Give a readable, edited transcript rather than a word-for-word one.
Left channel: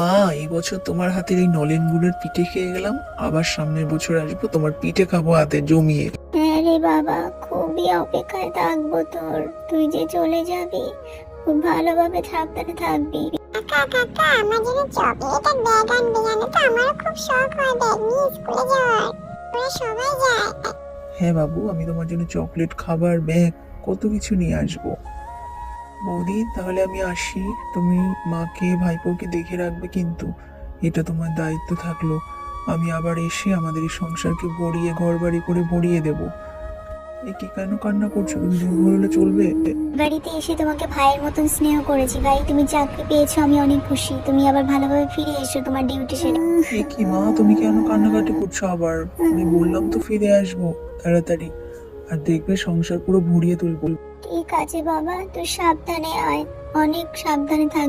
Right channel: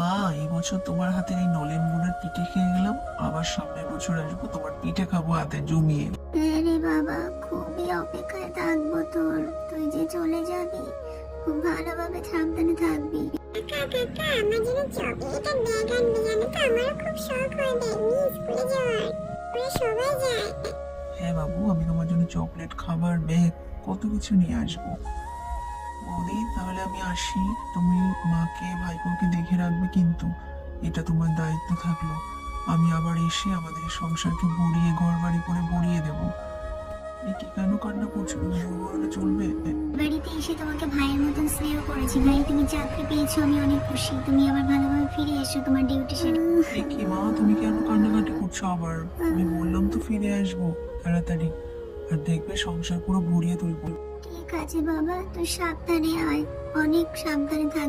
মা, এই বছর তোমার হাতের এই নলেন গুড়ের পিঠে খেয়ে গেলাম, আবার সামনের বছর আসবো তোমার পিঠে খাবো হাতে জমিয়ে। হ্যাঁ রে বাবা, খুবই অপেক্ষায় থাকবো তোর। তুই যে চলে যাবি, খুব ভালোভাবে সাবধানে থাকবি। কাকা কাকা আমার জন্য চকলেট আর ব্যাগ আনবে, জানো তো আমারও খুব শখ হয় ব্যাগ নিয়ে স্কুলে যাওয়ার। ওরা সবাই যায়। হ্যাঁ বাবু, আমি তোমার জন্য চকলেট, খাবার, ব্যাগ, কত কিছু নিয়ে আসবো। বৌদি, তাহলে আমি আসি। তুমি মাকে ভাইপোকে দেখে রাখবে কিন্তু, এটা তোমার দায়িত্ব থাকলো। আমি আবার এসে আমাদের এই সংসারকে ভরিয়ে ঘর বাড়ি করে ভরিয়ে দেবো। এ কি কেন কান্না করছো? তুমি জোর হলে চলবে? বাড়িতে এসে তোমাকে ভাইয়ের মতন স্নেহ করেছি ভাই, তুমি চাকরি পেয়েছো, আমি অনেক খুশি। তুমি আবার ভালোভাবে ফিরে এসো তোমার ডিউটি সেরে। এ কি মা, তুমি কেন কান্নাকাটি করছো আবার? আমি বললাম তো ফিরে আসবো তাড়াতাড়ি, আর দেখবে সংসার পুরো ভরিয়ে তুলবো। ঠিক আছে বাবা, তুই সাবধানে আয়, অনেক সাবধানে থাক।